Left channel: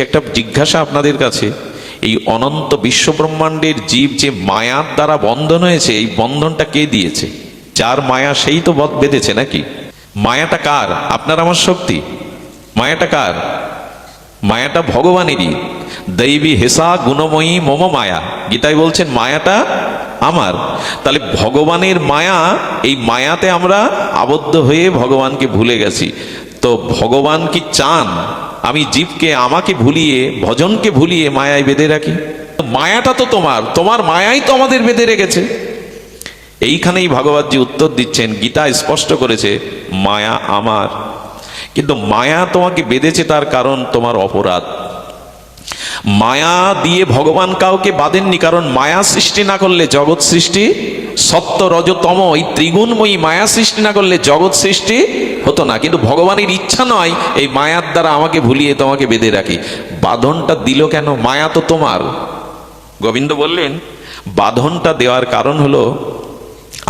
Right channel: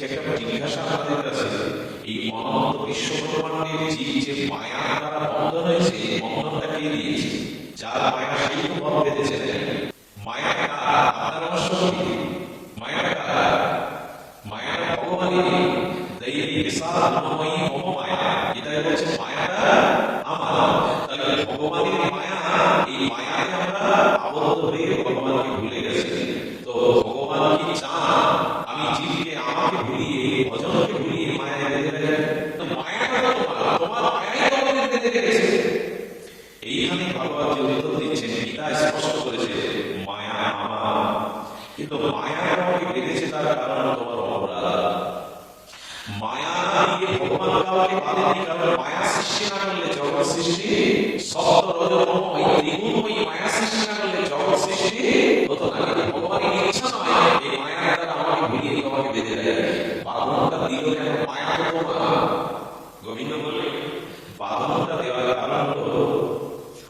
বলছি একটা জিজ্ঞাসা আপনাদের কাছে, এই অনন্ত বিশ্বব্রহ্মাণ্ডের জীব যে মায়ার দ্বারা বন্ধন হয়েছে, এই বন্ধনটা কে দিয়েছে? যার মায়া সেই তো বধ বেঁধেছে নাকি? মায়াটা কার? আপনার আমার শক্তি। মায়াটা কার? মায়াটা ভগবানেরই। দৈবী হেসা গুণময়ী মম মায়া, গীতায় বলছেন মায়াটা আমার। তাহলে ভগবানের মায়া, এই মায়াতে আমরা আবদ্ধ হয়ে ভগবানকে ভুলে গেছি। তো ভগবান কি চান আমি জীবকে আমাকে ভুলিয়ে, ভজনকে ভুলিয়ে মায়ায় বেঁধে রাখি? মায়াটা তো তোমার, তোমার মায়াই তো আমাদের বেঁধে রেখেছে। এইখানেই ভগবতজি উত্তর দিচ্ছেন, গীতা স্পষ্ট করেছে মায়া আমার। কিন্তু মায়া তোমাকে বেঁধেছে তার কারণ তোমার অপরাধ। মায়া দিয়ে ভগবান কাউকে বাঁধেননি, কারণ মায়া সৃষ্টি না করলে জগৎ সৃষ্টি, সত্য রজতম এই ত্রিগুণময়ী মায়া সৃষ্টি না করলে জগৎ সৃষ্টি হতো না। কিন্তু ভগবানের ইচ্ছা নয় এই মায়ার দ্বারা আমাকে ভুলিয়ে তোমাকে বেঁধে রাখি। বাঁধনটা দিল কেন? মায়া তো তোমার। গোবিন্দ বললেন বাঁধনটা দেওয়ার কারণ হলো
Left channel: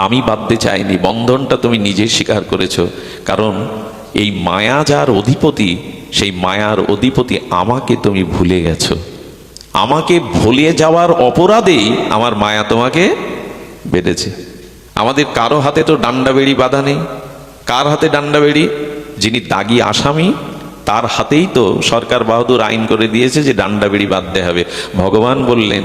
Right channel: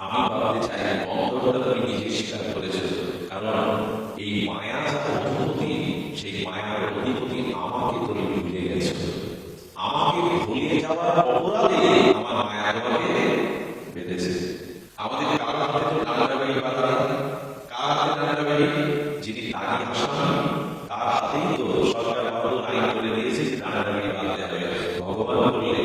আমি বাঁধতে চাইনি, বন্ধনটা তুমি নিজে স্বীকার করেছো। কারণ এই মায়া যার অধিপতি, সেই মায়ার অধিপতি আমাকে তুমি ভুলে গেছো। আমাকে ভুলে যাওয়ার অপরাধেই আমার মায়া তোমাকে বেঁধেছে। আমাদের কারো হাতে তো ডান্ডা বেড়ি বাঁধা নেই। কার হাতে ডান্ডা বেড়ি? যিনি দাগী আসামি তার হাতেই তো সরকার বাহাদুর আইন করে দিয়েছে যে ডান্ডা বেড়ি বাঁধতে হবে। ভগবান বললেন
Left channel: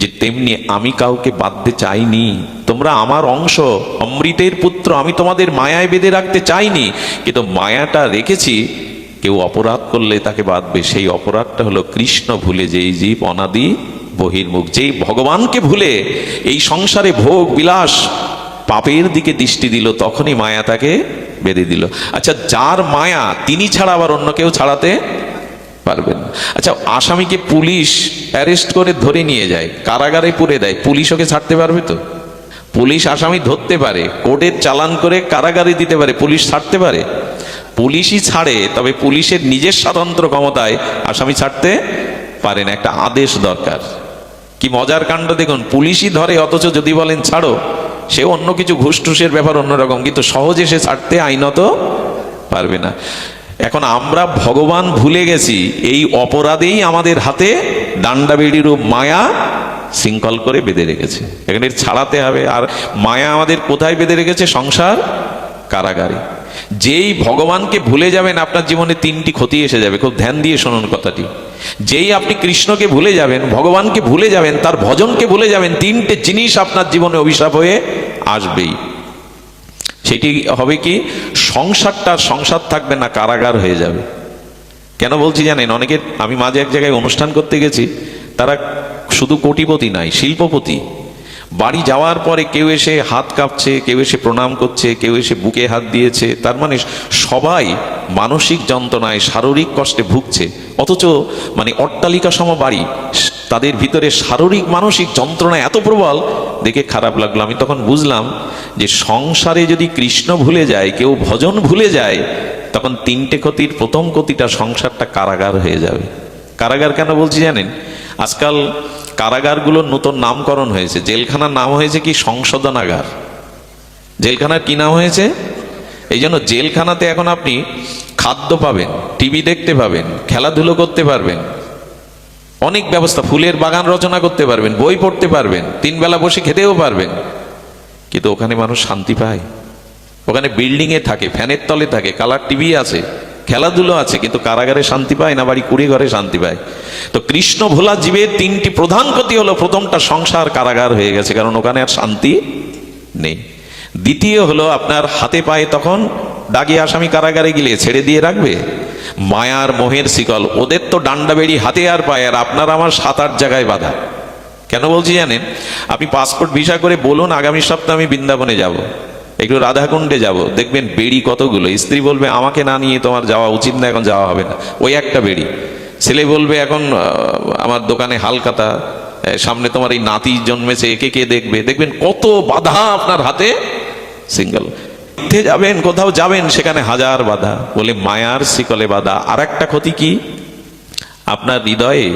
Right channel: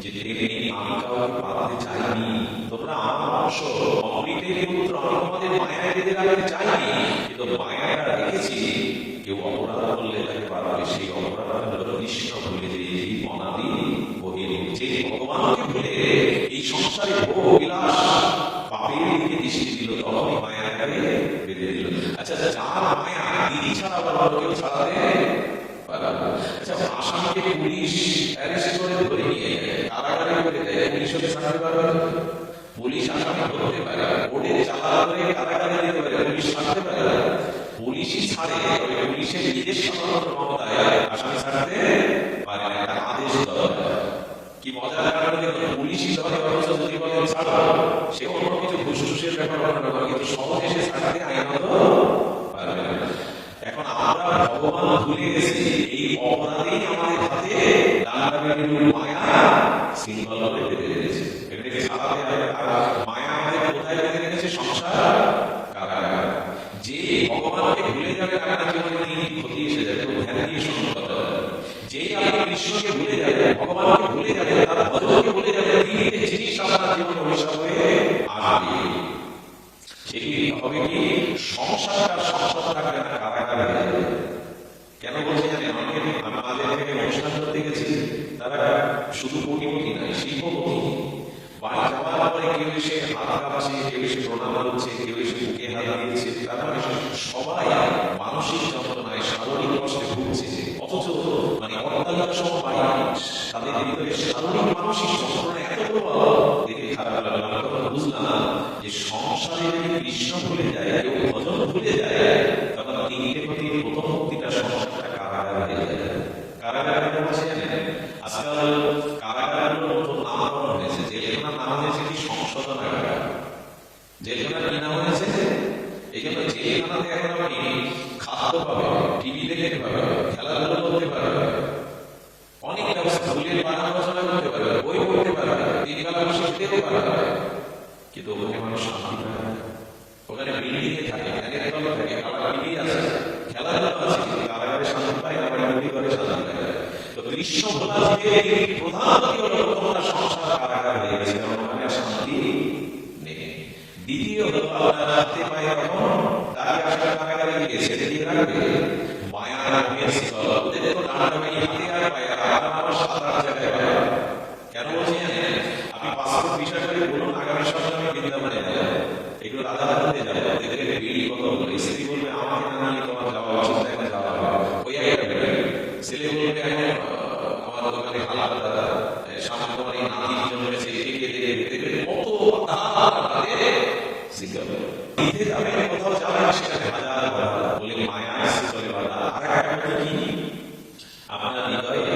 যে তেমনি আমি কাউকে বাঁধতে চাইনি, তোমরা আমার অংশ, অমৃতের পুত্র, আমি তোমাদের মায়ায় বেঁধে রাখতে চাইনি। কিন্তু মায়াটা রেখেছি কেউ অপরাধ করলে তাকে বাঁধবে। সেই অপরাধটা হলো কৃষ্ণ ভুলে যেই জীব অনাদি বহির্মুখ, যেই ভগবানকে ভুলে এই সংসারে ভোগ বিলাস পাপের দিকে দৃষ্টি দিল, তখনই মায়া তাকে বেঁধে দিল। আচ্ছা, যার মায়া তিনি ছাড়া আবার অন্য কেউ ছাড়াতে পারবেন? আচ্ছা, আসামিকে পুলিশ অ্যারেস্ট করে ধরে নিয়ে যায়, কারাগারে পুরে দেয়, পুলিশ ওকে ছাড়তে পারবে তো? পুলিশ আসামি ধরতে পারে, কোর্টের চালান করে কারাগারে দিতে পারে, পুলিশ ছাড়তে পারে? পুলিশই ছাড়ে, তবে পুলিশের নিজের স্বতন্ত্র ক্ষমতায় আসামি ছাড়তে পারে না, একটা আদেশ দরকার। কি মজার কাণ্ড দেখুন, পুলিশই ধরে, অথচ যদি বলেন ছাড়ো, সে অন্য কিছু ঘুষ টুসের ব্যাপার অন্যরকম, কিন্তু সহজে সে ছাড়তে আইনত পারবে না। এখন আমরা ভগবান ভুলে গেছি, এই অপরাধেই আমাদের হাতে ডান্ডা বেড়ি রূপ মায়া শৃঙ্খল করে বেঁধে রেখেছে। এখানে ছাড়াতে হবে। আর মায়া আমাদের কোথায় বেঁধে রেখেছে? সংসার কারাগারে। যেই ভগবানকে ভুলে যাবেন আপনার জীবনে তিনটি ক্ষতি এসে যাবে। খুব ধ্যান দিয়ে শুনুন কথাটি। যেই আপনি কৃষ্ণকে ভুলে যাবেন, ভগবানকে ভুলে যাবেন, তার ভজনকে ভুলে যাবেন, তিনটে জিনিস আপনার জীবনে অভিশাপ হয়ে আসবেই। সেটি হবে কি? সংসারটা সংসার থাকবে না, কারাগার হয়ে যাবে। কেন বলছি জানেন? অনেকে, আমি মাঝে এক জায়গায় অনুষ্ঠান করতে গেছি, তারা শুধু কোটিপতি নাই, শিল্পপতি। বাড়ি যাওয়ার পরে কেউ এসে হাত কাঁপছে, কেউ এসে প্রণাম করছে, কেউ এসে বুকে হাত দিয়েছে। তার মানে সবাই মানসিক যন্ত্রণায়, শারীরিক কষ্টে ভুগছে। অথচ মানে অট্টালিকা সম বাড়ি, তাদের ভিতরে শারীরিক মানসিক যন্ত্রণা এত প্রবল, দেখে খারাপ লাগলো। আমি তখন বুঝলাম যে সংসারে যদি কৃষ্ণ ভুলে যায়, কেউ ভজন ভুলে যায়, তখন তিনটে ক্ষতির প্রথম ক্ষতিটা সংসারটা কারাগার হয়ে যাবে। কারাগার কেন বলছি জানেন? আজকাল কারাগারগুলোর নতুন নামকরণ হয়েছে। জেলখানার নাম হয়েছে কি? সংশোধনাগার। জেলখানার কি নাম হয়েছে? এই জন্য জেলখানাতে এখন আপনি খাদ্য পাবেন, টিভি দেখতে পাবেন, খেলাধুলো করতে পারবেন, অনেক ব্যবস্থা, ফুলের বাগান রচনা করতে পারবেন, বই পড়তে পারবেন, 3 বেলা বসে খেতেও পারবেন। কিন্তু ওখানে মানুষ শান্তি পায়? ওখানে বিল্ডিংয়ে থাকে, ফ্যানের তলে থাকে, কালার টিভি আছে, খেলাধুলো আছে, কিন্তু কারাগারে শান্তি পায় না, বাড়ি কুড়ে ঘরে শান্তি পায়। তো কৃষ্ণ ভোলা জীবের তিনটি প্রধান ক্ষতি হলো, প্রথমটা সংসার কারাগার হয়ে গেছে, কারণ ওখানে আর শান্তি নেই। দ্বিতীয় হলো আপনার হাতে পায়ে তখন দাগী আসামি কারাগারে গেলে ছেড়ে দিয়ে রাখবে? মায়ার মোহের শিকল, ওদের তো ডান্ডা বেড়ি হাতে আর পায়ে, আর আপনার আমার 7-8 জায়গায় বাঁধা। কেন বলছি জানেন? আপনি পাসপোর্ট ভিসা করে বলুন আগামী সপ্তাহে আমি বৃন্দাবনে যাব, একটু রাধাকুণ্ডে যাব, দেখবেন বেড়ি কতগুলো। স্ত্রী বলবে আমাকে না নিয়ে তোমার যাওয়া উচিত না, এখন যাওয়া হবে না, ওই একটা বেড়ি। ছেলে বলবে এখন আমার দোকানে হালকাতা, সামনে তোমার এই নাতি জন্মেছে, একে কে দেখবে। দেখবেন কত বাধা আপনার হাতে, সিঙ্গেল। যাবেন, কোথাও যাবেন, সেখানে হাজার বাধা, বলে মায়ার শিকলে বাধা। আর একটা ক্ষতি কি? আপনার হৃদয়ে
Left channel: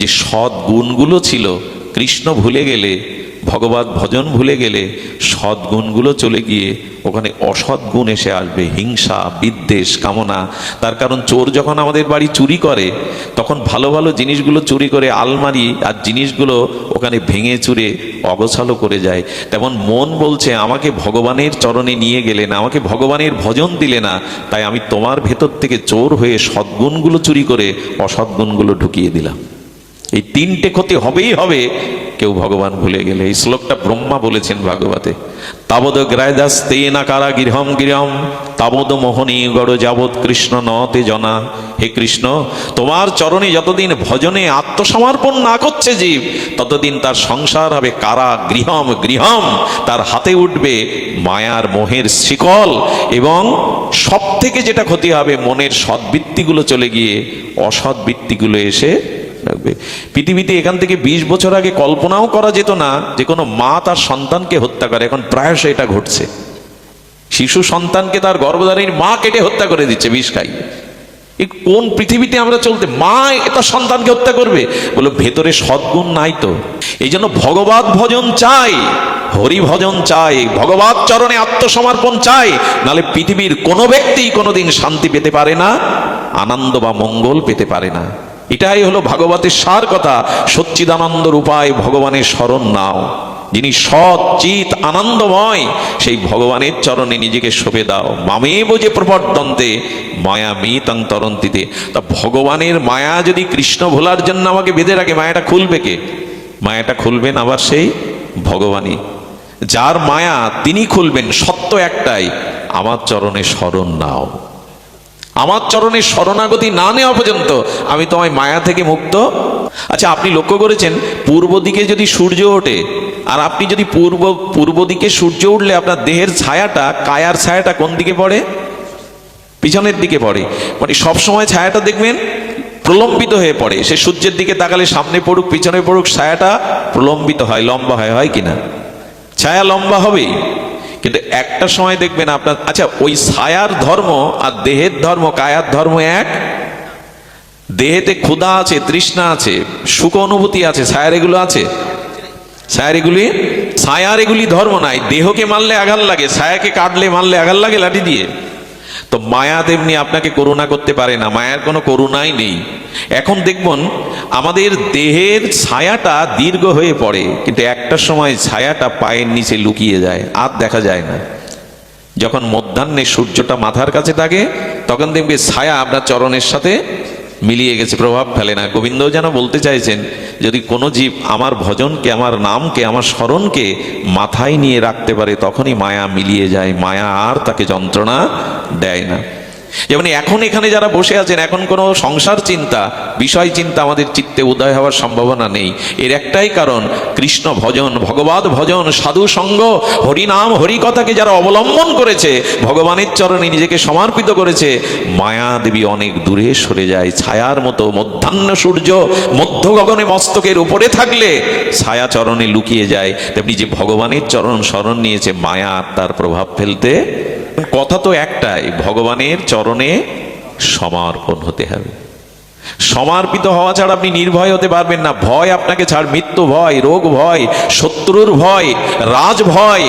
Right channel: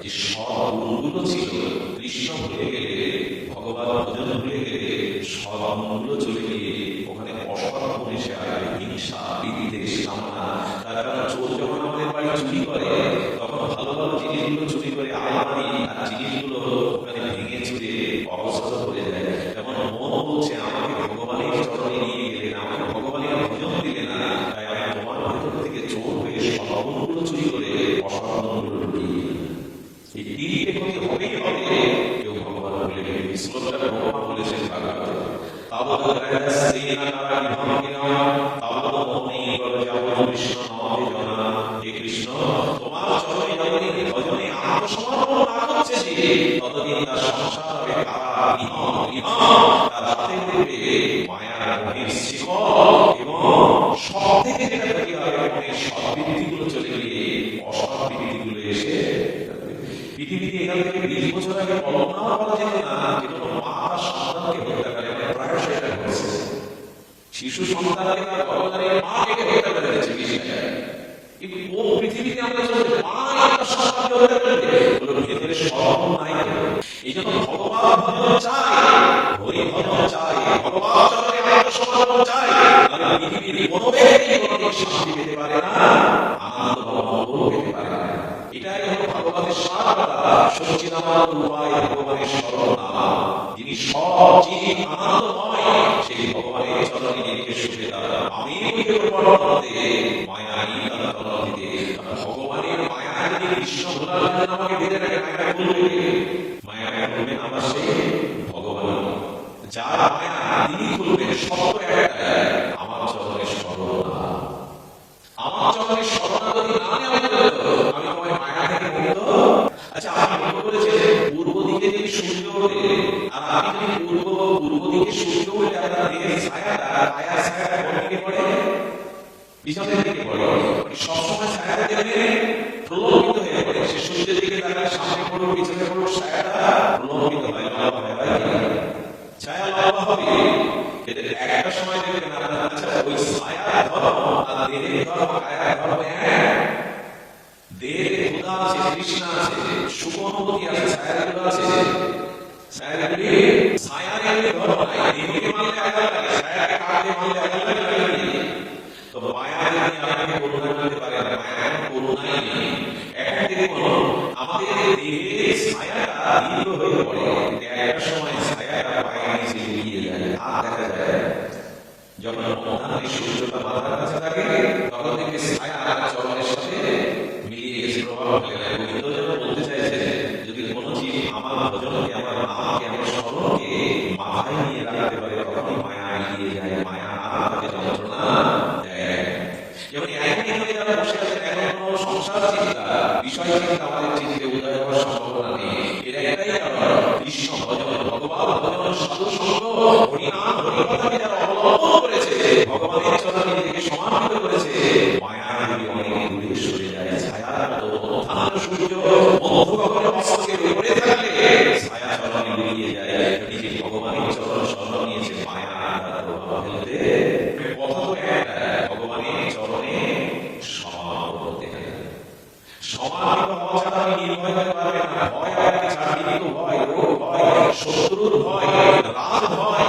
যে সৎ গুণগুলো ছিল, কৃষ্ণ ভুলে গেলে ভগবত ভজন ভুলে গেলে সদ্গুণগুলো চলে গিয়ে ওখানে অসৎ গুণ এসে আসবে, হিংসা, বিদ্বেষ, কামনা। তার কারণ চোর যখন আমাদের বাড়ি চুরি করে তখন ভালো ভালো জিনিসগুলো চুরি করে আলমারি আর জিনিসগুলো ওখানে ভেঙে চুরে অগোছালো করে যায়। তেমন মন বলছে আমাকে ভগবানের চরণে নিয়ে গেলে না, আমাকে ভগবানের ভজন দিলে না, তাই আমি তোমার ভেতর থেকে চোর হয়ে সদ্গুণগুলো চুরি করে অসৎগুণগুলো ঢুকিয়ে দিলাম। এই তিনটে ক্ষতি হবেই হবে কেউ ভগবান ভুলে গেলে। এই শ্লোকটা ব্রহ্মা বলেছেন ভাগবতে। তাবদ গ্রায়দাস্তে না কারা গৃহম গৃহম তাবদ মোহনী গড় যাবৎ কৃষ্ণ নতে জনা। হে কৃষ্ণ, তোমার চরণে যতদিন ভজনে আত্মসমর্পণ না করছে জীব, ততদিন তার সংসার হবে কারা গৃহম গৃহম। তার হাতে উঠবে মায়ার মোহের শিকল, এবং সব থেকে যেটা ক্ষতি হবে মনের সদ্বৃত্তিগুলো চলে গিয়ে অসৎ বৃত্তিগুলো এসে রাখবে। পৃথিবীতে এখান থেকে 20 বছর আগে কল্পনাও করা যেত না যে কোনো মা তার সন্তানকে হত্যা করে। এখন প্রায়শ এটা ঘটছে। শিশু সন্তানকে তার গর্ভধারীর মা কেটে হত্যা করে দিচ্ছে বিষ খাই। কোন পৃথিবীতে আমরা চলতে? মা তার সন্তানকে হত্যা করবে? বলো ভেতরে সদ্গুণ নাই তো। এই জন্য ভগবত ভজন চাই, হরি ভজন চাই, ভগবত চরণে আত্মসমর্পণ চাই, নাহলে পৃথিবীর কোনো ব্যক্তি কোনোদিন শান্তি পেতে পারে না, আনন্দ বা মঙ্গল পেতে পারে না। এটাই হলো ভাগবতের সার কথা। সচ্চিদানন্দ রূপায় ভগবানের শরণ নাও। যিনি সৎ চিত আনন্দময়, সেই ভগবানের চরণে নিজেকে সঁপে দাও। মামেব যে প্রবর্তন্তে মায়া মিতং তরন্তিতে। তা ভগবানের মায়া যদি কৃষ্ণ ভোলার জন্য আমাকে বেঁধে রাখে, মায়াটা খুলবে কে? মায়াটা খুলবেন আবার সেই ভগবানই। যার মায়া তিনি খুলবেন। সত্য একটাই, আমার চরণে শরণ নাও। আমার চরণে শরণাগতি না নেওয়া পর্যন্ত আমি তোমায় মায়া থেকে মুক্ত। আচ্ছা, আপনি লক্ষ্য করেছেন পূর্ব দিকে যদি সূর্য ওঠে, আর আপনি যদি পূর্ব দিকে সূর্য উঠলে আপনার দেহের ছায়াটা, কায়ার ছায়াটা কোন দিকে পড়ে? পিছনের দিকে পড়ে। মানে সবসময় ছায়াটা দেখবেন প্রলম্বিত হয়ে পড়ে। সে সূর্যের দিকে তাকালে সামনে পড়ুক পিছনে পড়ুক, ছায়াটা প্রলম্বিত হয়, লম্বা হয়, হয় কিনা? ছায়া লম্বা হবেই। কিন্তু একটা সময় দেখবেন আপনার, আচ্ছা ওই ছায়ার ধর্ম আর দেহের ধর্ম, কায়ার ধর্ম এক? দেহেতে ক্ষুধা আছে, তৃষ্ণা আছে, সুখ অনুভূতি আছে, ছায়ার এগুলো আছে? ছায়ার এগুলি ধর্ম নাই। দেহকে মারলে আঘাত লাগে, ছায়াকে কাটলে মারলে আঘাত লাগে লাঠি দিয়ে। তো মায়া তেমনি আপনাকে করুণা করতে পারে না, মায়ার কোনো করুণাই নেই। এখন দেখবেন আমাদের দেহের ছায়াটা দীর্ঘ হয়ে পড়ে, কিন্তু একটা সময় ছায়াটা পায়ের নিচে লুকিয়ে যায়, আর দেখা যায় না। যখন মধ্যাহ্নে সূর্যটা মাথার কাছে থাকে তখন দেখবে ছায়া আপনার চরণের সাথে মিলিয়ে গেছে, প্রভাব ফেলে না। গোবিন্দ যেন বলতে চাইছেন, যদি কোনো জীব আমার ভজনকে, আমার নামকে, আমার স্মরণকে মাথায় নিয়ে রাখতে পারে, তখনই মায়া মিলিয়ে যায়, মায়া আর তাকে যন্ত্রণা দেয় না। যেমন এখন এখানে যারা বসে আছেন, এখন কোনো সংসার চিন্তা, বিষয় চিন্তা আমাদের চিত্তে উদয় হওয়ার সম্ভাবনা নেই। এর একটাই কারণ, কৃষ্ণ ভজন, ভগবত ভজন, সাধু সঙ্গ, হরিনাম, হরিকথাকে যারা অবলম্বন করেছে, ভগবানের চরণে নিজেকে সমর্পিত করেছে, মায়া দেবী অনেক দূরে সরে যায়। ছায়ার মতো মধ্যাহ্ন সূর্য মধ্য গগনে মস্তকের উপরে থাকলে ছায়া চরণে লুকিয়ে যায়, তেমনি যে ভগবানের চরণ শরণ নিয়েছে, মায়া তার প্রভাব ফেলতে। কথা তো একটাই, ভগবানের চরণে সমর্পণ হতে হবে। সমর্পিত হওয়া ছাড়া আপনি নির্ভয় হতে পারবেন না। ভয় আপনাকে ছাড়, মৃত্যু ভয়, রোগ ভয়, শত্রুর ভয়, রাজ ভয়,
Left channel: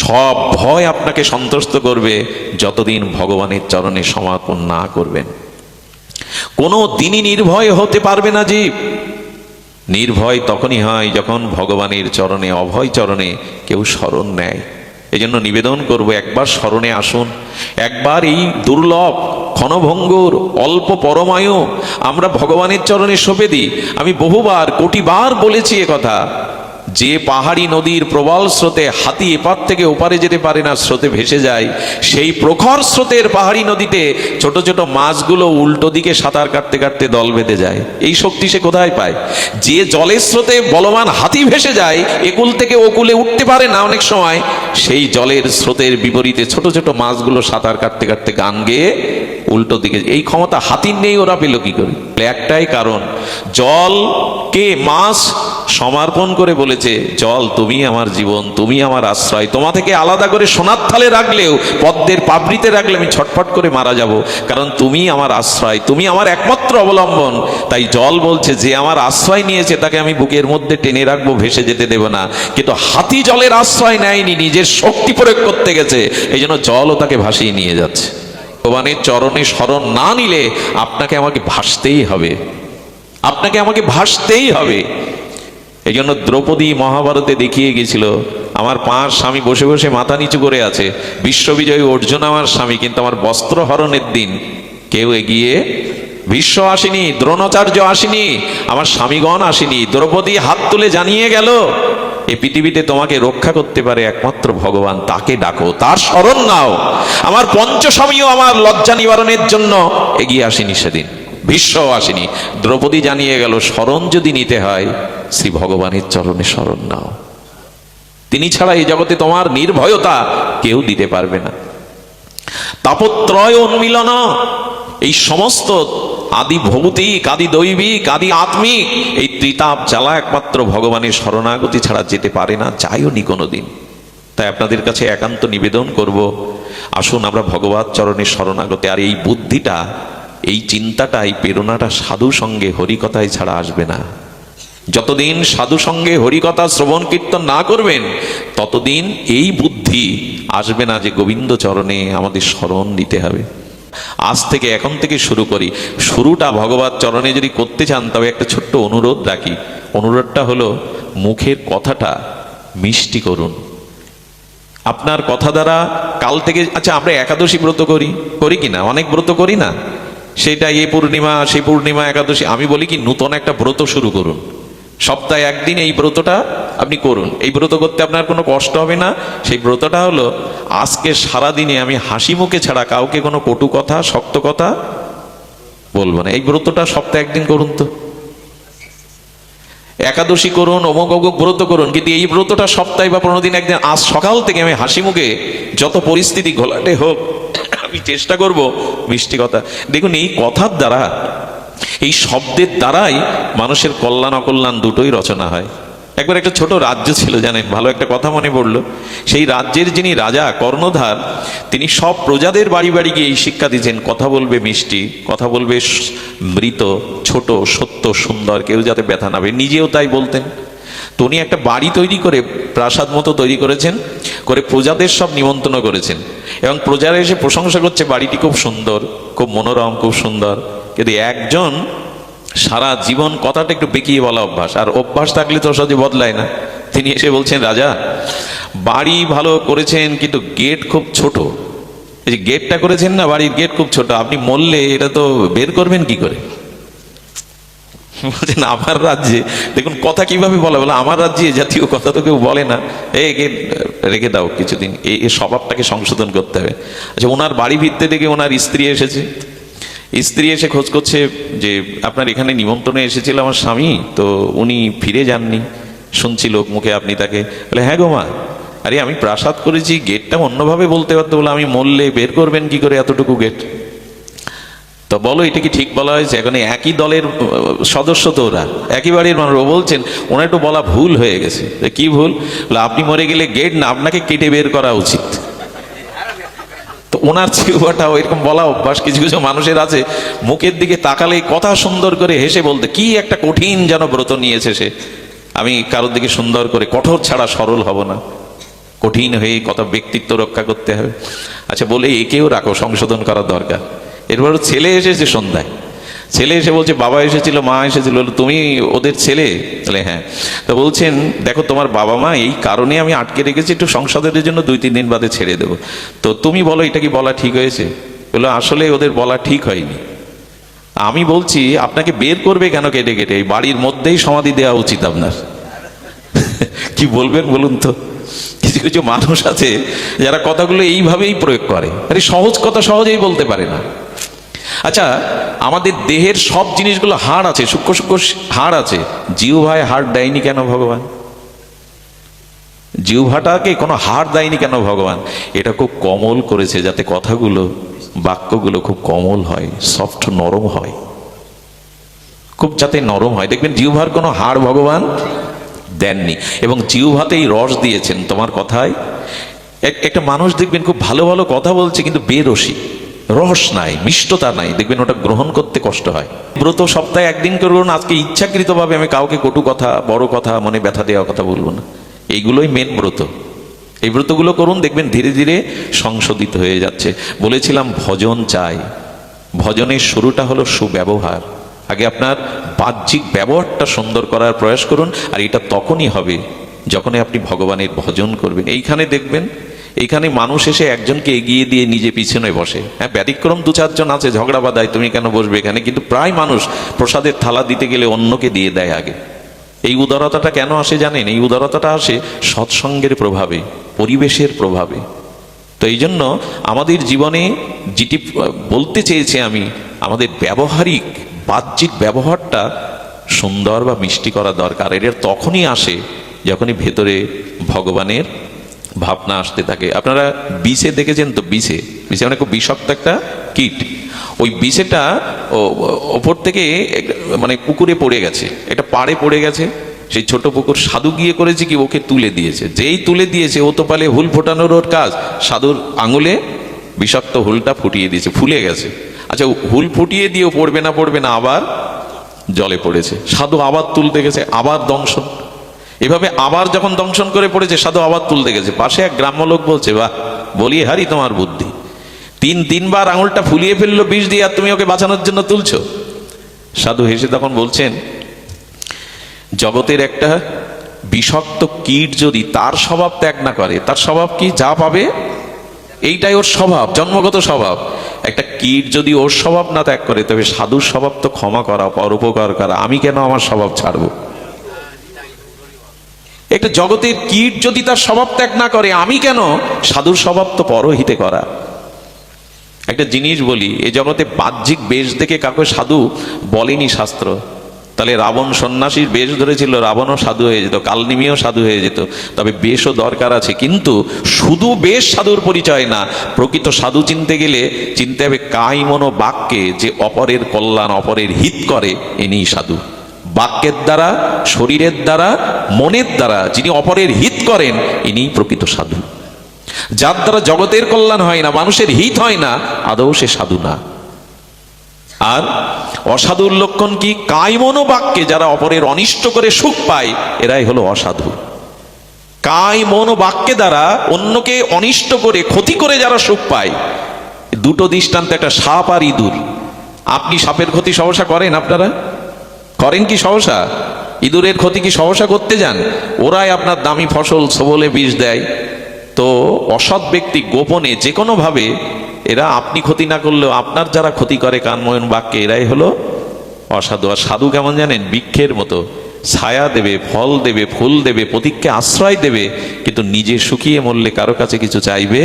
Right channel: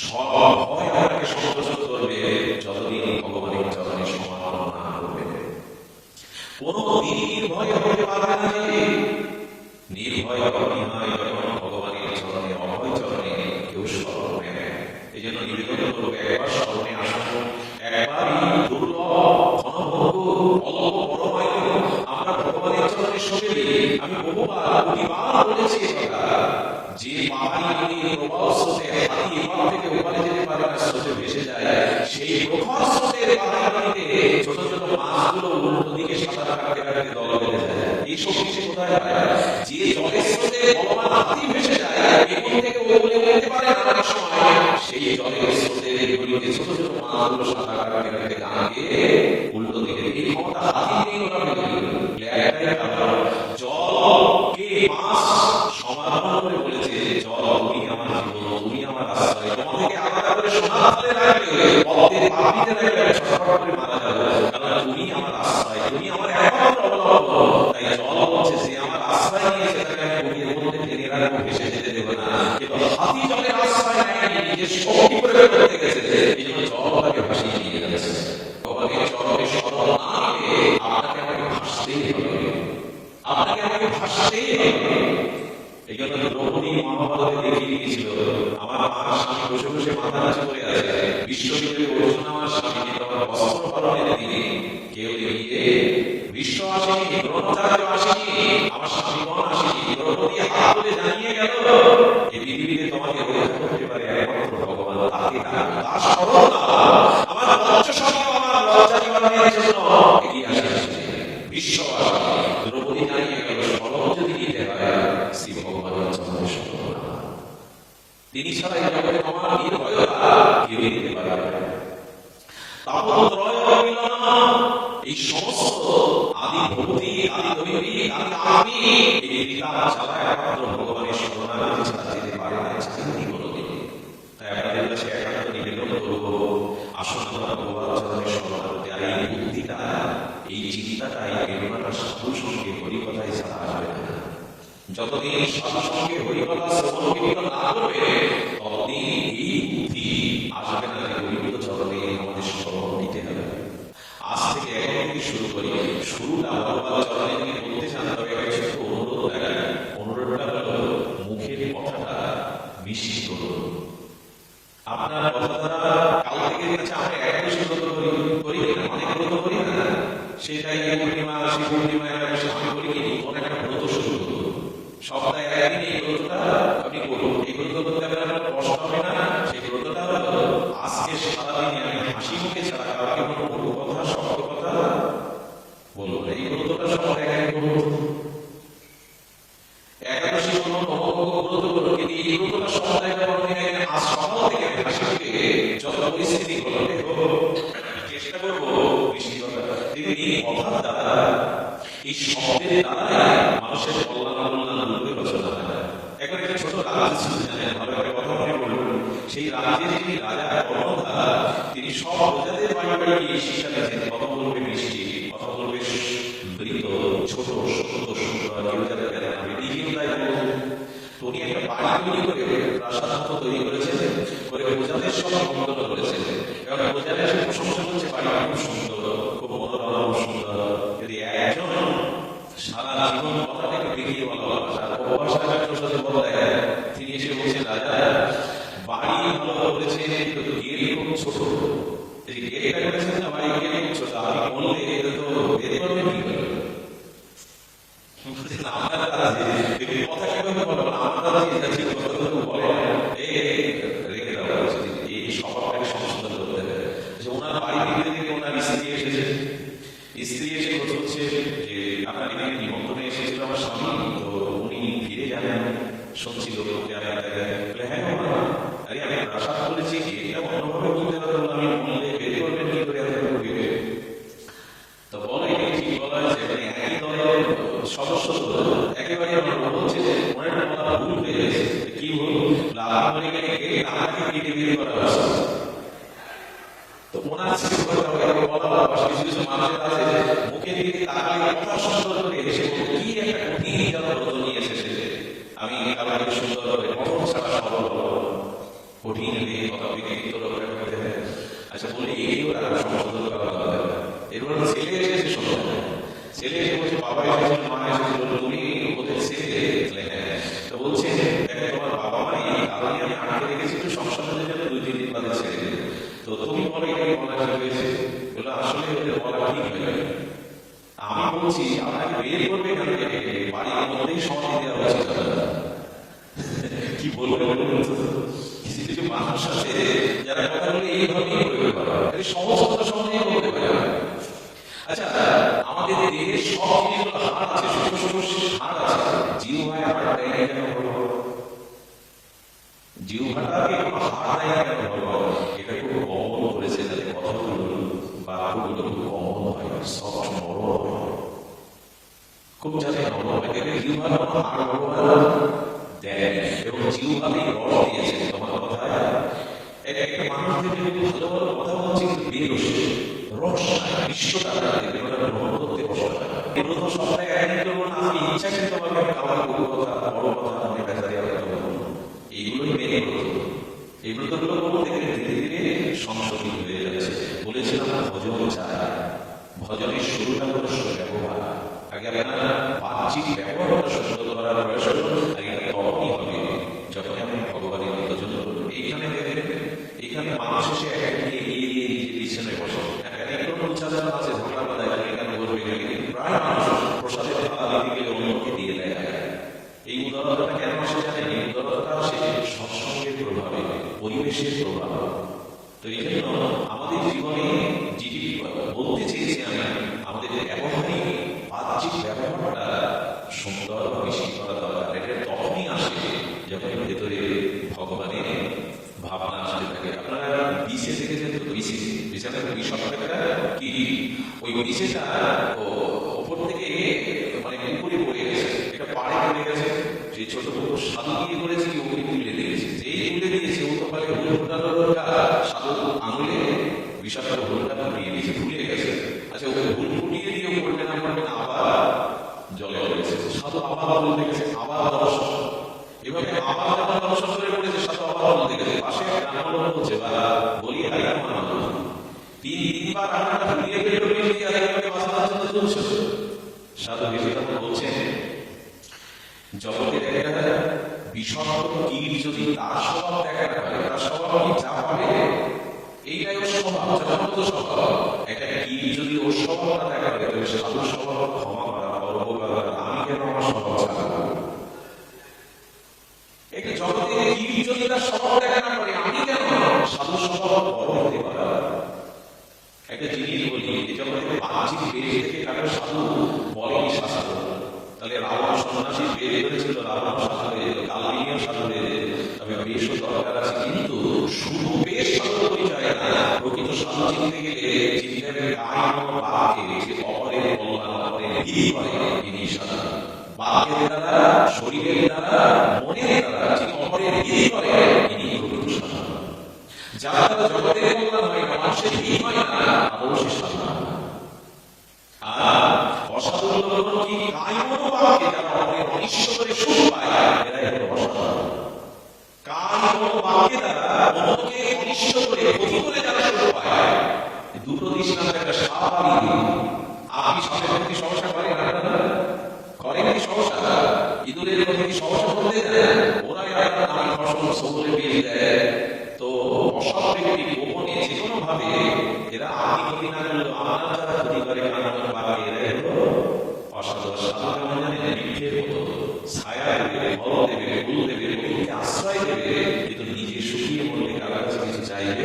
সব ভয় আপনাকে সন্তুষ্ট করবে যতদিন ভগবানের চরণে সমর্পণ না করবেন। কোনো দিনই নির্ভয় হতে পারবে না জীব। নির্ভয় তখনই হয় যখন ভগবানের চরণে, অভয় চরণে কেউ শরণ নেয়। এই জন্য নিবেদন করব, একবার স্মরণে আসুন। একবার এই দুর্লভ ক্ষণভঙ্গুর অল্প পরমায়ু আমরা ভগবানের চরণে সঁপে দিই। আমি বহুবার, কোটিবার বলেছি এ কথা, যে পাহাড়ি নদীর প্রবল স্রোতে হাতি এপার থেকে ওপারে যেতে পারে না, স্রোতে ভেসে যায়, সেই প্রখর স্রোতের পাহাড়ি নদীতে ছোট ছোট মাছগুলো উল্টো দিকে সাঁতার কাটতে কাটতে দল বেঁধে যায়। এই শক্তি সে কোথায় পায়? যে জলের স্রোতে বলবান হাতি ভেসে যায়, একুল থেকে ওকুলে উঠতে পারে না অনেক সময়, সেই জলের স্রোতের বিপরীতে ছোট ছোট মাছগুলো সাঁতার কাটতে কাটতে গান গেয়ে উল্টো দিকে, এই ক্ষমতা হাতির নেই, ওরা পেল কি করে? একটাই কারণ, জলকে মাছ সমর্পণ করে বলেছে, জল তুমি আমার জীবন, তুমি আমার আশ্রয়, তোমা থেকে আলাদা করে সোনার থালে রাখলেও, পদ্মের পাপড়িতে রাখলে আমি ছটফট করে মারা যাব, কারণ তুমি আমার আশ্রয়, তুমি আমার একমাত্র অবলম্বন। তাই জল বলছে যে আমার আশ্রয় নিয়েছে তাকে আমি বুকের মধ্যে টেনে রাখবো, ভেসে যেতে দেব না। কিন্তু হাতি জলের আশ্রয় নেয়নি, নিজের শক্তি প্রয়োগ করতে গেছে, এই জন্য জলও তাকে ভাসিয়ে নিয়ে যাচ্ছে। ভগবানের চরণে শরণ না নিলে আপনাকে আমাকে ভাসতেই হবে, আপনাকে আমাকে ভাসতেই হবে। এই জন্য দ্রৌপদী মহাভারতে দেখিয়ে গেছিল, আমার 5 স্বামী বসে বসে মাথা নিচু করে আছে, বিশ্ববিজয়ী অর্জুন আমার স্বামী, কিন্তু আমার বস্ত্র হরণের দিন কেউ এগিয়ে, ভীষ্ম আসেনি, দ্রোণাচার্য আসেনি, আমার স্বামীগণ আসেনি। দ্রৌপদী হাত তুলে জানিয়ে গেল, এই পৃথিবীতে তোমাকে রক্ষা করতে পারে একমাত্র ভগবান, তাকে ডাকো, তার শরণ নাও। আমার পঞ্চস্বামীও আমার লজ্জা নিবারণের জন্য এগিয়ে আসেনি সেদিন, ভীষ্ম আসেনি। দ্রৌপদী জানিয়ে গেল, শরণ যদি নিতে হয় শ্রী ভগবানের চরণে শরণ নাও, তিনি ছাড়া এই জগতে তোমার নির্ভয়তা কেউ দিতে পারবে না। তাপত্রয় উন্মিলন, এই সমস্ত আদি ভৌতিক, আদি দৈবিক, আদি আত্মিক এই ত্রিতাপ জ্বালা একমাত্র ভগবানের শরণাগতি ছাড়া যেতে পারে না, যাইও নি কোনোদিন। তাই আপনাদের কাছে একান্ত নিবেদন করব, আসুন আমরা ভগবত চরণের শরণাগতি। আর এই বুদ্ধিটা, এই চিন্তাটা, এই প্রেরণাটা সাধু সঙ্গে হরিকথায় ছাড়া আসবে না। যতদিন সাধু সঙ্গে হরিকথা শ্রবণ কীর্তন না করবেন, ততদিন এই বুদ্ধি আসবে না যে গোবিন্দ চরণে আমাদের শরণ দিতে হবে। আজ থেকে, এখন থেকে শুরু করি। শুরুটা ভগবত চরণে যদি করতে চান, তবে একটা ছোট্ট অনুরোধ রাখি। অনুরোধটা হলো, মুখের কথাটা মিষ্টি করুন। আপনার কথা দ্বারা কাল থেকে, আচ্ছা আমরা একাদশী ব্রত করি কি না? অনেক ব্রত করি না? সেটা এ পূর্ণিমা, সেই পূর্ণিমা, একাদশী। আমি বলি কি, নূতন একটা ব্রত শুরু করুন। সপ্তাহে একদিন এই ব্রতটা আপনি করুন। এই ব্রত করতে আপনার কোনো কষ্ট হবে না। সেই ব্রতটা হলো, আজকে সারাদিনে আমি হাসি মুখে ছাড়া কাউকে কোনো কটু কথা, শক্ত কথা বলবো না। এই ব্রতটা সপ্তাহে একদিন করুন। তো একাদশী করুন, অমুক অমুক ব্রত করুন, কিন্তু এই ব্রতটা সপ্তাহে বা 15 দিন একদিন, আজ সকাল থেকে আমি হাসি মুখে, যত পরিস্থিতি ঘোলাটে হোক, আমি চেষ্টা করব মিষ্টি কথা। দেখুন, এই কথার দ্বারা, এই শব্দের দ্বারাই মানুষের কল্যাণ অকল্যাণ দুটোই রচনা হয়। একবার একটা ছোট রাজ্য ছিল, জানেন, ভালো একটা কথা মনে পড়লো। সেই রাজ্যের যিনি রাজা কর্ণধার, তিনি সব প্রজাদের বাড়ি বাড়ি গিয়ে এই শিক্ষা দিয়েছেন, কথা বলবে মিষ্টি, কথা বলবে মৃত, ছোট, সত্য, সুন্দর, কেউ যাতে ব্যথা না পায়। নিজেও তাই বলতেন। তো উনি একটা বাড়ি তৈরি করে, প্রাসাদ মতো তৈরি করেছেন, করে প্রজাদের সব নিমন্ত্রণ করেছেন, এবং প্রজারা এসে প্রশংসা করছে, বাড়িটি খুব সুন্দর, খুব মনোরম, খুব সুন্দর। কিন্তু একজন সারা জীবন কথাটা একটু বেঁকিয়ে বলা অভ্যাস, আর অভ্যাস থাকলে তো সহজে বদলায় না। তিনি এসে বলছেন, রাজা বাড়ি ভালো করেছেন, কিন্তু গেট খুব ছোট। এই যে গেটটা করেছেন না, বাড়ির গেট খুব ছোট, আপনি মরলে এটা তো বের করবেন কি করে? বলছেন, আমার রাজ্যে দেখুন কথা কিভাবে বলে, বলে আমার রাজ্যে জাতীয় কথা তো কেউ বলে না, এই গেট রেখে দাও কিছুদিন, এই স্বভাবটাকে সংশোধন করতে হবে। আচ্ছা, ওনার বাড়ি ভিত্তে দেখে ওনার স্ত্রী এসেছে। স্ত্রী এসে খোঁজ করছে যে আপনার এখানে নিমন্ত্রণে এসেছিল আমার স্বামী, তো উনি ফিরে যাননি, শুনছি লোক মুখে আপনি তাকে। বলে, হ্যাঁ গো মা, আরে আমি প্রাসাদ করেছি, গেটটা অন্যভাবে বলতে পারতো, বলে আমি মরলে বের করবেন কি করে এতটুকু গেট? তো বলো, এটা কি ঠিক বলা হয়েছে? এখন একই দলের সদস্য তো, ওরা একই বাড়ির মানুষ। ও বলছেন, ওনার একটু বলা ভুল হয়ে গেছে। কি ভুল? আপনি মরে গেলে গেট না, আপনাকে কেটে বের করা উচিত। তো ওনার জিহ্বাটা ওইরকম বলা অভ্যাস। কিছু কিছু মানুষের আছে, মুখের দিকে তাকালে কথা সুন্দর করে হেসে বলতে, কি একটা কঠিন যেন ব্রত নিয়েছে সে। আমি কারোর দিকে সুন্দর করে, কঠোর ছাড়া সরল হব না, কঠিন হয়ে কথা, ব্যক্তিত্ব রক্ষা করতে হবে। আচ্ছা, বলে একেও রাখো, সংশোধন করার দরকার। এরপর ছেলে এসেছে সন্ধ্যায়, ছেলে এসে বলছে, বাবা এসেছিল, মা এসেছিল, তুমি ওদের ছেলে? তাহলে হ্যাঁ। তো বলছেন, দেখো তোমার বাবা মা এই কারণে আমি আটকে রেখেছি, একটু সংসদের জন্য 2-3 দিন বাদে ছেড়ে দেবো, তো তুমি বলো এটা কি বলা ঠিক হয়েছে? বললো, আসলে ওদের বলা ঠিক হয়নি। আমি বলছি, আপনাকে বের করবে কেন কেটে কেটে? এই বাড়ির মধ্যেই সমাধি দেওয়া উচিত আপনার। কি বলবেন বলুন তো? কিছু কিছু মানুষ আছে যারা কথাগুলো এইভাবেই প্রয়োগ করে, আরে সহজ কথা সহজেই বলতে পারে না। আচ্ছা, আমাদের দেহের সব জিনিসগুলো হাড় আছে, সূক্ষ্ম সূক্ষ্ম হাড় আছে, জিহ্বায় হাড় দেয়নি কেন ভগবান? জিহ্বাটাকে কোনো হাড় দেয়নি কেন ভগবান? এটা খুব কোমল করেছে, যাতে কথাগুলো, বাক্যগুলো খুব কোমল হয়, সফট, নরম হয়। খুব যাতে নরম হয়। দেখবেন জিহ্বার কোনো হাড় ভগবান দেননি, এবং জিহ্বাতেই রস দিয়েছেন তোমার কথায়। একটা মানুষ দেখবেন খুব ভালো ভালো কথা বলছে কিন্তু বেরসিক, রস নাই, মিষ্টতা নাই, দেখবেন ওটা গ্রহণ করতে কষ্ট হয়। ব্রত সপ্তাহে একদিন করুন, আজকে ইচ্ছাকৃতভাবে আমি কাউকে কটু কথা, বড় কথা, মনে ব্যথা দেওয়া কথা বলবো না, এইগুলোই মেন ব্রত। এই ব্রতগুলো করুন, দেখবেন ধীরে ধীরে সংশোধিত হয়ে যাচ্ছে। বলেছিলাম ভজন চাই, ভজনের শুরুটা হলো সুব্যবহার। আগে আপনার বাহ্যিক ব্যবহারটা সুন্দর করার প্রয়াস করুন, আর এটা তখনই হবে যখনই আপনি ভগবানের ভজন করবেন। এইখানে দেখবেন, এইখানে মানুষ এসে একজনকে এগিয়ে দিয়ে নিজে পিছনে বসে। হ্যাঁ, ব্যতিক্রম দু চারজন আছে, ঝগড়া বাঁধায় তুমি কেন বসবে এখানে, কিন্তু প্রায় মানুষ প্রসাদের থালা দিতে গেলে অন্যকে দিয়ে দেয় আগে। এই উদারতাটা কেন আসে জানেন? এই উদারতাটা আসে সৎসঙ্গের প্রভাবে, পরিবেশের প্রভাবে। তো এই জন্য আমাদের জীবনে যেটি বলতে চেয়েছি আমি, আমাদের ব্যবহারিক বাহ্যিক ব্যবহারটা সুন্দর বা মিষ্টি করা দরকার। এটা তখনই আসে যখনই ভেতরে ভগবানের ভাবনা আসতে থাকে। আপনারা বিষে দেখেছেন তো? বিষে মানে খুব বিষাক্ত একটা কীট। ওই বিষেটা ওপর থেকে মানে পুকুরে পড়ে গেছে, এটা পাড়ে পড়ে গেছে, সেই ছোট পুকুর। সাধু গিয়ে করেছে কি, ওকে তুলে দিয়েছে। যেই তুলে দিয়েছে, ও তো পালে হুল ফোটানোর ওর কাজ, সাধুর আঙুলে বিষাক্ত হুলটা ফুটিয়ে দিয়েছে, ফুলে গেছে। আচ্ছা, হুল ফুটিয়ে দিয়েও পড়বে না আবার জলে পড়েছে। সাধু আবার তুলতে গেছে, আবার দংশন। এভাবে আবার যখন দংশন করে পড়েছে, সাধু আবার তুলতে গেছে। পাশে এক গ্রাম্য লোক বলছে, বাহ, বলি হারি তোমার বুদ্ধি, তিনবার আঙুলটা ফুলিয়ে ফেললো বিষ দিয়ে, আর তুমি ওকে বাঁচানোর জন্য তুলছো। সাধু হেসে তখন বলছেন, জগতের একটা বিষাক্ত কীট যদি তার স্বভাব ত্যাগ না করে, তার স্বভাব কি? যা পাবে এইটাই ওর স্বভাব, জন্মগত স্বভাব। একটা কীট যদি ওর স্বভাব না ত্যাগ করে, তবে সাধুর স্বভাব তো ক্ষমা করা, পরোপকার করা। আমি কেন আমার স্বভাব ছাড়বো? একটা জগতের কীট যদি তার স্বভাব ত্যাগ না করে, আমি কেন? সাধুর স্বভাব তো পরহিতে করা। একটা জিনিস বলি, এই জগতে বাহ্যিক বেশ দেখে কাউকে সাধু বলেনি শাস্ত্র। তাহলে রাবণ সন্ন্যাসীর বেশ ধরেছিল, রাবণও সাধু হয়ে যেত, কালনিমিও সাধু হয়ে যেত। তবে বেশও দরকার আছে, কিন্তু শুধু বেশ সাধুর পরিচয় না। প্রকৃত সাধু চিনতে গেলে চিনতে হবে কায়মনো বাক্যে যে অপরের কল্যাণ, অপরের হিত করে, ইনিই সাধু। বাক্যের দ্বারা, শরীরের দ্বারা, মনের দ্বারা যিনি অপরের হিত করেন, ইনিই প্রকৃত সাধু। যার দ্বারা জগতের কল্যাণ হয় না, মানুষের হিত হয় না, আদৌ সে সাধু না। আর অসাধুর লক্ষণ কি? কায়মনো বাক্যে যারা অপরের অনিষ্ট করে সুখ পায়, এরাই হলো অসাধু। কায়মনো বাক্যে দ্বারা অন্যকে অনিষ্ট করে, ক্ষতি করে যারা সুখ পায়। দুটো দৃষ্টান্ত, একটা সাপ আর ইঁদুর। আপনি সাপের ক্ষতি সহসা করেন? আপনারা করেন কি সহসা? ইঁদুরের ক্ষতি কি সহসা করতে যান? ওরাই আপনার দামি ফসল সবলে বিষ দেয়। তো অসৎ ব্যক্তি গোপনে যে কোনো ভাবে, এরা আপনি ক্ষতি না করলেও আপনার যারা ক্ষতি করে কানময়ন বাক্যে, এরাই হলো অসাধু। আর সাধু কেমন জানেন? বৃক্ষের মতো ছায়া দেবে, ফল দেবে, ফুল দেবে, প্রতীককে আশ্রয় দেবে, কিন্তু নিজে শুকিয়ে মরলে কারো কাছে কিছু চাইবে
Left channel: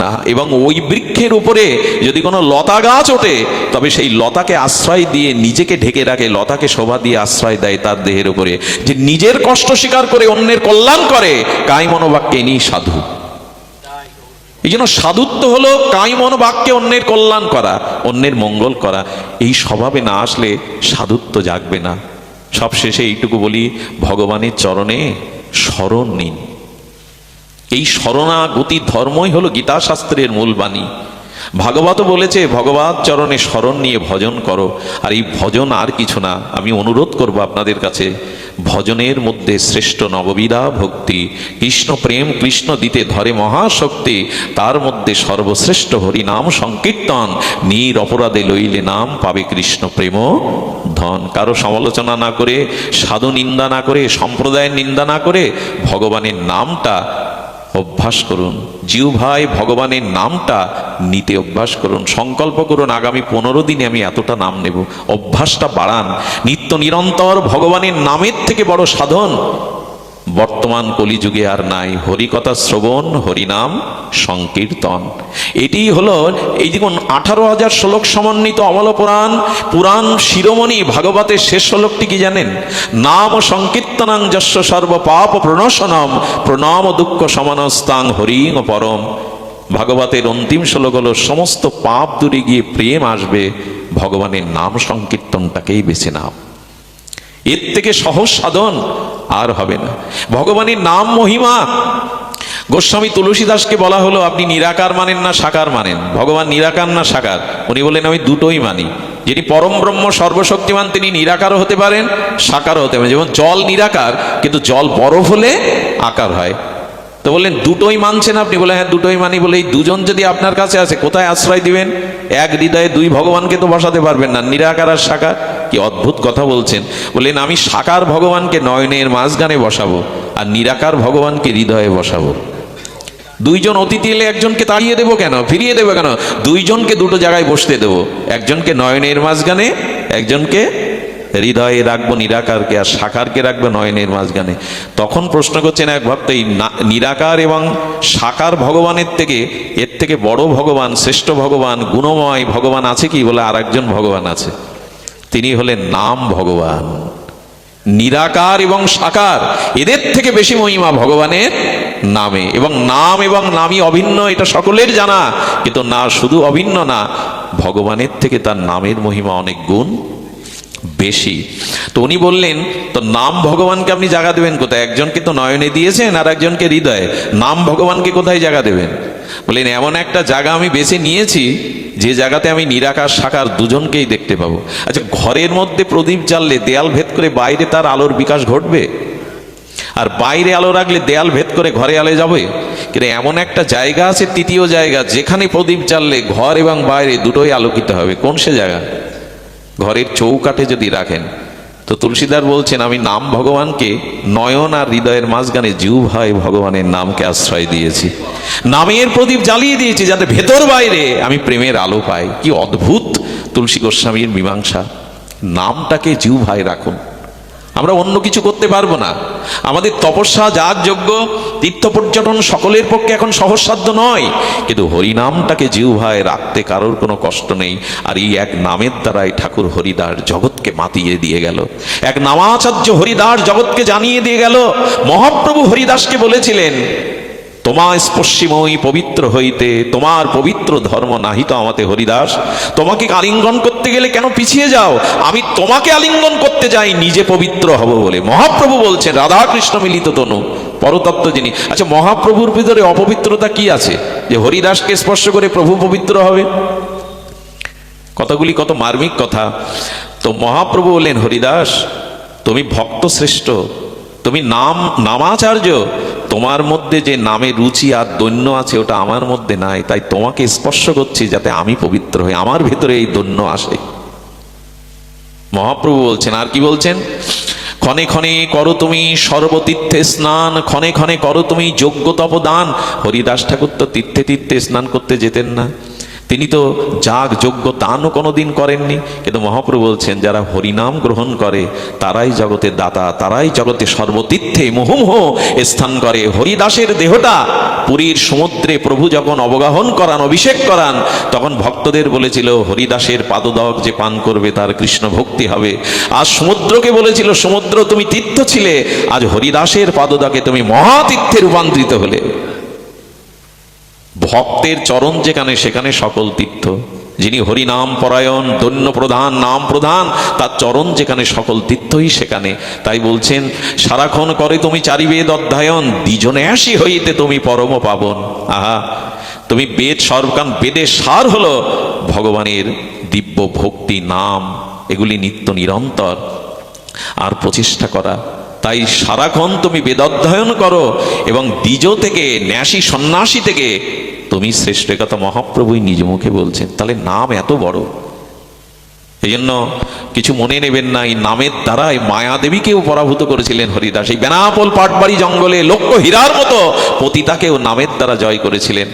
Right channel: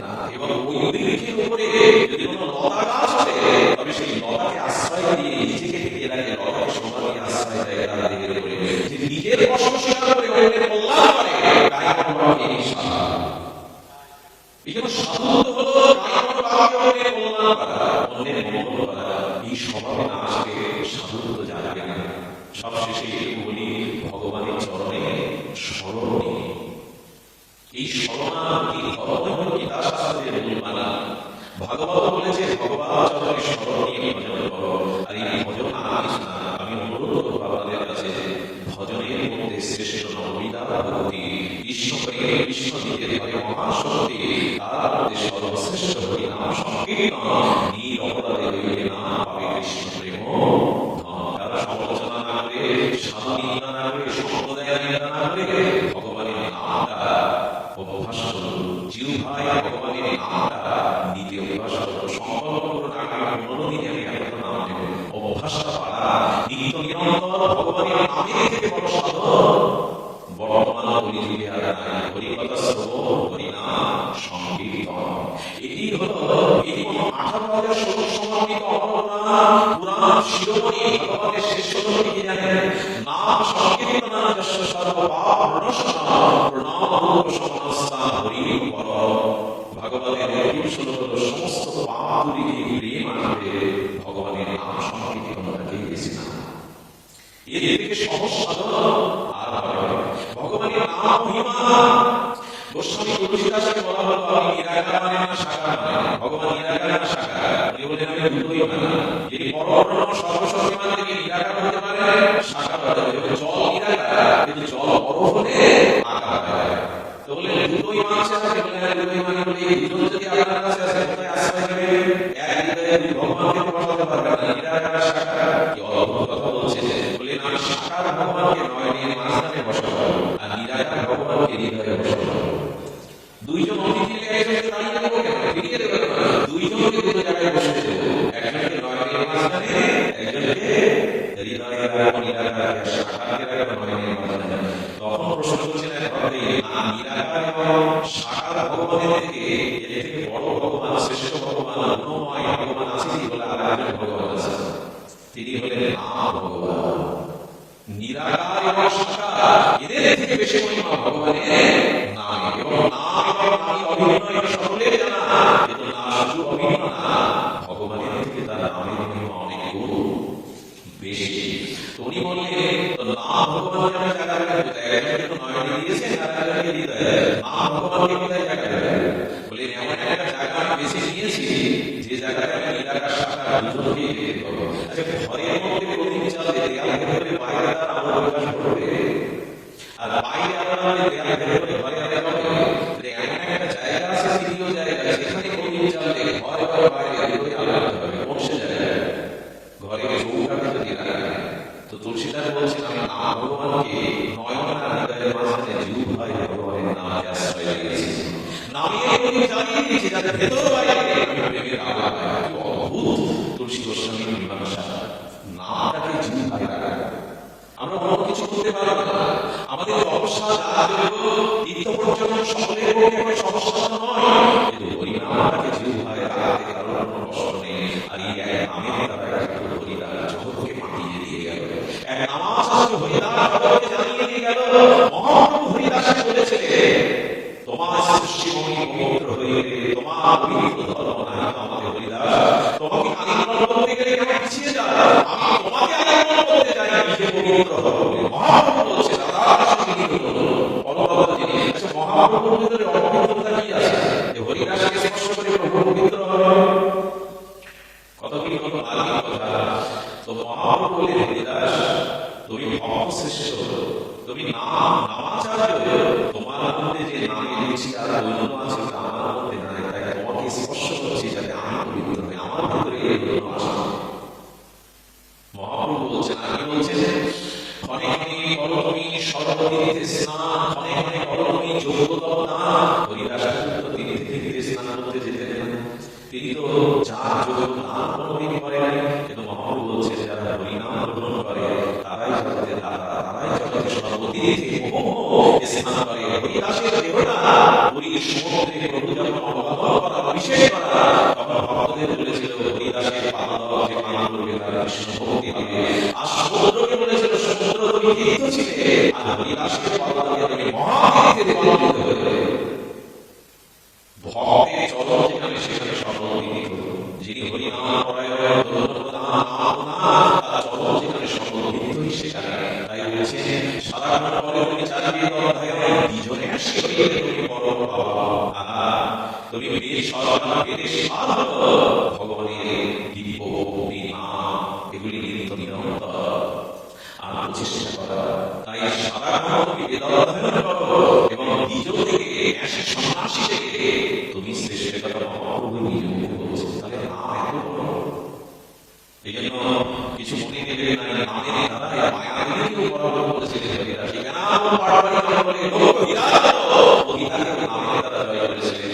না। এবং ওই বৃক্ষের উপরে যদি কোনো লতা গাছ ওঠে, তবে সেই লতাকে আশ্রয় দিয়ে নিজেকে ঢেকে রাখে, লতাকে শোভা দিয়ে আশ্রয় দেয় তার দেহের উপরে। যে নিজের কষ্ট স্বীকার করে অন্যের কল্যাণ করে, কায়মনোবাক্যে ইনি সাধু। এই জন্য সাধুত্ব হলো কায়মনোবাক্যে অন্যের কল্যাণ করা, অন্যের মঙ্গল করা। এই স্বভাবে না আসলে সাধুত্ব জাগবে না। সবশেষে এইটুকু বলি, ভগবানের চরণে শরণ নিন। এই শরণাগতি ধর্মই হলো গীতা শাস্ত্রের মূল বাণী। ভাগবত বলেছে, ভগবত চরণে শরণ নিয়ে ভজন করো। আর এই ভজন আর কিছু না। আমি অনুরোধ করব আপনাদের কাছে, ভজনের মধ্যে শ্রেষ্ঠ নববিধা ভক্তি। কৃষ্ণ প্রেম কৃষ্ণ দিতে ধরে মহাশক্তি, তার মধ্যে সর্বশ্রেষ্ঠ হরিনাম সংকীর্তন। নির অপরাধে লইলে নাম পাবে কৃষ্ণ প্রেম ধন। কারো সমালোচনা না করে, সাধু নিন্দা না করে, সম্প্রদায়ের নিন্দা না করে, ভগবানের নামটা অভ্যাস করুন। জিহ্বায় ভগবানের নামটা নিতে অভ্যাস করুন। সংকল্প করুন, আগামী 15 দিনে আমি এতটা নাম নেব। অভ্যাসটা বাড়ান। নিত্য নিরন্তর ভগবানের নামের থেকে বড় সাধন বর্তমান কলিযুগে আর নাই। হরিকথা শ্রবণ, হরিনাম সংকীর্তন, এটিই হলো। এই দেখুন, 18,000 শ্লোক সমন্বিত অমল পুরাণ, পুরাণ শিরোমণি ভাগবতের শেষ শ্লোকটি কি জানেন? নাম সংকীর্তনং যস্য সর্ব পাপ প্রণশনম, প্রণাম দুঃখ সমানস্তাং হরিং পরম। ভাগবতের অন্তিম শ্লোক হলো, সমস্ত পাপ দূরে গিয়ে প্রেম আসবে, ভগবানের নাম সংকীর্তনটাকেই বেছে নাও। এর থেকে সহজ সাধন আর হবে না। ভগবানের নাম মহিমা। গোস্বামী তুলসীদাসকে বলা হলো, আপনি নিরাকার মানেন না সাকার মানেন? ভগবান নিরাকার না সাকার? উনি বললেন, আমি দুটোই মানি। যিনি পরম ব্রহ্ম সর্বশক্তিমান, তিনি নিরাকারও হতে পারেন, সাকারও হতে পারেন। যেমন জল নিরাকার, কিন্তু জল বরফ হলে আকার হয়। তো বললেন দুটোই মানছেন আপনি? বলে হ্যাঁ দুটোই মানি। বলে এই দুজন যদি আপনার কাছে আসে, কোথায় আশ্রয় দিবেন? এক হৃদয়ে দুই ভগবানকে তো বসাতে পারবেন না, নিরাকার আর সাকার। কি অদ্ভুত কথা বলছেন। বললেন আমি সাকার ভগবানকে নয়নের মাঝখানে বসাবো, আর নিরাকার ভগবানকে হৃদয়ে বসাবো। দুইজন অতিথি এলে একজনকে তাড়িয়ে দেবো কেন, ফিরিয়ে দেবো কেন? দুইজনকে দুটো জায়গায় বসতে দেবো, একজনকে নয়নের মাঝখানে, একজনকে হৃদয়ে রাখবো নিরাকারকে, আর সাকারকে রাখবো নয়নের মাঝখানে। তখন প্রশ্ন করছেন এক ভক্ত, এই নিরাকার এবং সাকার ভগবানের থেকে, এর থেকে বড় ভগবান, শ্রেষ্ঠ ভগবান, গুণময় ভগবান আছে কি? বলে আর একজন ভগবান আছে, তিনি হলেন নাম ভগবান। নিরাকার এবং সাকার, এদের থেকে বেশি মহিমা ভগবানের নামে। এবং নাম এবং নামই অভিন্ন, এটা সকলের জানা। কিন্তু না, শুধু অভিন্ন না, ভগবানের থেকে তার নামের মহিমা অনেক গুণ বেশি। তো উনি বললেন, তো নাম ভগবানকে আপনি জায়গা দেবেন কোথায়? একজনকে তো নয়নে দিয়েছেন, আর একজনকে হৃদয়ে। নাম ভগবানকে কোথায় জায়গা দেবেন? বললেন এমন একটা জায়গা আমি বেছে নিয়েছি, যে জায়গাতে আমি নিরাকার সাকার দুজনকেই দেখতে পাবো। আচ্ছা, ঘরের মধ্যে প্রদীপ জ্বাললে দেয়াল ভেদ করে বাইরে তার আলোর বিকাশ ঘটবে, আর বাইরে আলো রাখলে দেয়াল ভেদ করে ঘরে আলো যাবে। কিন্তু এমন একটা জায়গা আছে, তৃতীয় জায়গা, যেখানে প্রদীপ জ্বাললে ঘর এবং বাইরে দুটোই আলোকিত হবে। কোন সে জায়গা? ঘরের চৌকাঠে যদি রাখেন। তো তুলসীদার বলছেন, আমি নাম ভগবানকে নয়ন আর হৃদয়ের মাঝখানে জিহ্বায় ভগবানের নামকে আশ্রয় দিয়েছি, নামের প্রদীপ জ্বালিয়ে দিয়েছি, যাতে ভেতর বাইরে আমি প্রেমের আলো পাই। কি অদ্ভুত তুলসী গোস্বামীর মীমাংসা! নামটাকে জিহ্বায় রাখুন। আমরা অন্য কিছু করতে পারবো না। আমাদের তপস্যা, যাগ যজ্ঞ, তীর্থ পর্যটন সকলের পক্ষে এখন সহজসাধ্য নয়, কিন্তু হরিনামটাকে জিহ্বায় রাখতে কারোর কোনো কষ্ট নেই। আর এই এক নামের দ্বারাই ঠাকুর হরিদাস জগৎকে মাতিয়ে দিয়ে গেল। এক নামাচার্য হরিদাস জগৎকে জানিয়ে দিয়ে গেল। মহাপ্রভু হরিদাসকে বলেছিলেন, তোমার স্পর্শিময়ী পবিত্র হইতে তোমার পবিত্র ধর্ম নাহিত আমাতে হরিদাস। তোমাকে আলিঙ্গন করতে গেলে কেন পিছিয়ে যাও? আমি তোমাকে আলিঙ্গন করতে যাই নিজে পবিত্র হব বলে। মহাপ্রভু বলছেন, রাধা কৃষ্ণ মিলিত তনু, পরতত্ত্ব যিনি। আচ্ছা, মহাপ্রভুর ভিতরে অপবিত্রতা কি আছে যে হরিদাসকে স্পর্শ করে প্রভু পবিত্র হবে? কথাগুলি কত মার্মিক কথা। তো মহাপ্রভু বললেন, হরিদাস তুমি ভক্ত শ্রেষ্ঠ, তুমি নামাচার্য, তোমার মধ্যে যে নামে রুচি আর দৈন্য আছে ওটা আমার মধ্যে নাই, তাই তোমাকে স্পর্শ করছি যাতে আমি পবিত্র হই, আমার ভেতরে এই দৈন্য আসে। মহাপ্রভু বলছেন, আর কি বলছেন? ক্ষণে ক্ষণে করো তুমি সর্বতীর্থে স্নান, ক্ষণে ক্ষণে করো তুমি যজ্ঞ তপদান। হরিদাস ঠাকুর তো তীর্থে তীর্থে স্নান করতে যেতেন না, তিনি তো যাগ যজ্ঞ দানও কোনোদিন করেননি। কিন্তু মহাপ্রভু বলছেন, যারা হরিনাম গ্রহণ করে তারাই জগতের দাতা, তারাই জগতে সর্বতীর্থে মুহুর্মুহ স্থান করে। হরিদাসের দেহটা পুরীর সমুদ্রে প্রভু যখন অবগাহন করান, অভিষেক করান, তখন ভক্তদের বলেছিল, হরিদাসের পাদদক যে পান করবে তার কৃষ্ণ ভক্তি হবে। আজ সমুদ্রকে বলেছিল, সমুদ্র তুমি তীর্থ ছিলে, আজ হরিদাসের পাদদকে তুমি মহাতীর্থে রূপান্তরিত হলে। ভক্তের চরণ যেখানে, সেখানে সকল তীর্থ। যিনি হরিনাম পরায়ণ, দৈন্য প্রধান, নাম প্রধান, তার চরণ যেখানে সকল তীর্থই সেখানে। তাই বলছেন, সারাক্ষণ করে তুমি চারিবেদ অধ্যয়ন, দ্বিজনে আসি হইতে তুমি পরম পাবন। আহা, তুমি বেদ সর্বকান, বেদের সার হলো ভগবানের দিব্য ভক্তি, নাম, এগুলি নিত্য নিরন্তর আর প্রচেষ্টা করা। তাই সারাক্ষণ তুমি বেদ অধ্যয়ন করো, এবং দ্বিজ থেকে, ন্যাসী সন্ন্যাসী থেকে তুমি শ্রেষ্ঠ, কথা মহাপ্রভুই নিজ মুখে বলছেন। তাহলে নাম এত বড়। এই জন্য কিছু মনে নেবেন না, এই নামের দ্বারাই মায়াদেবীকেও পরাভূত করেছিলেন হরিদাস। এই বেনাপোল পাটবাড়ি জঙ্গলে লক্ষ হীরার মতো পতিতাকেও নামের দ্বারা জয় করেছিলেন।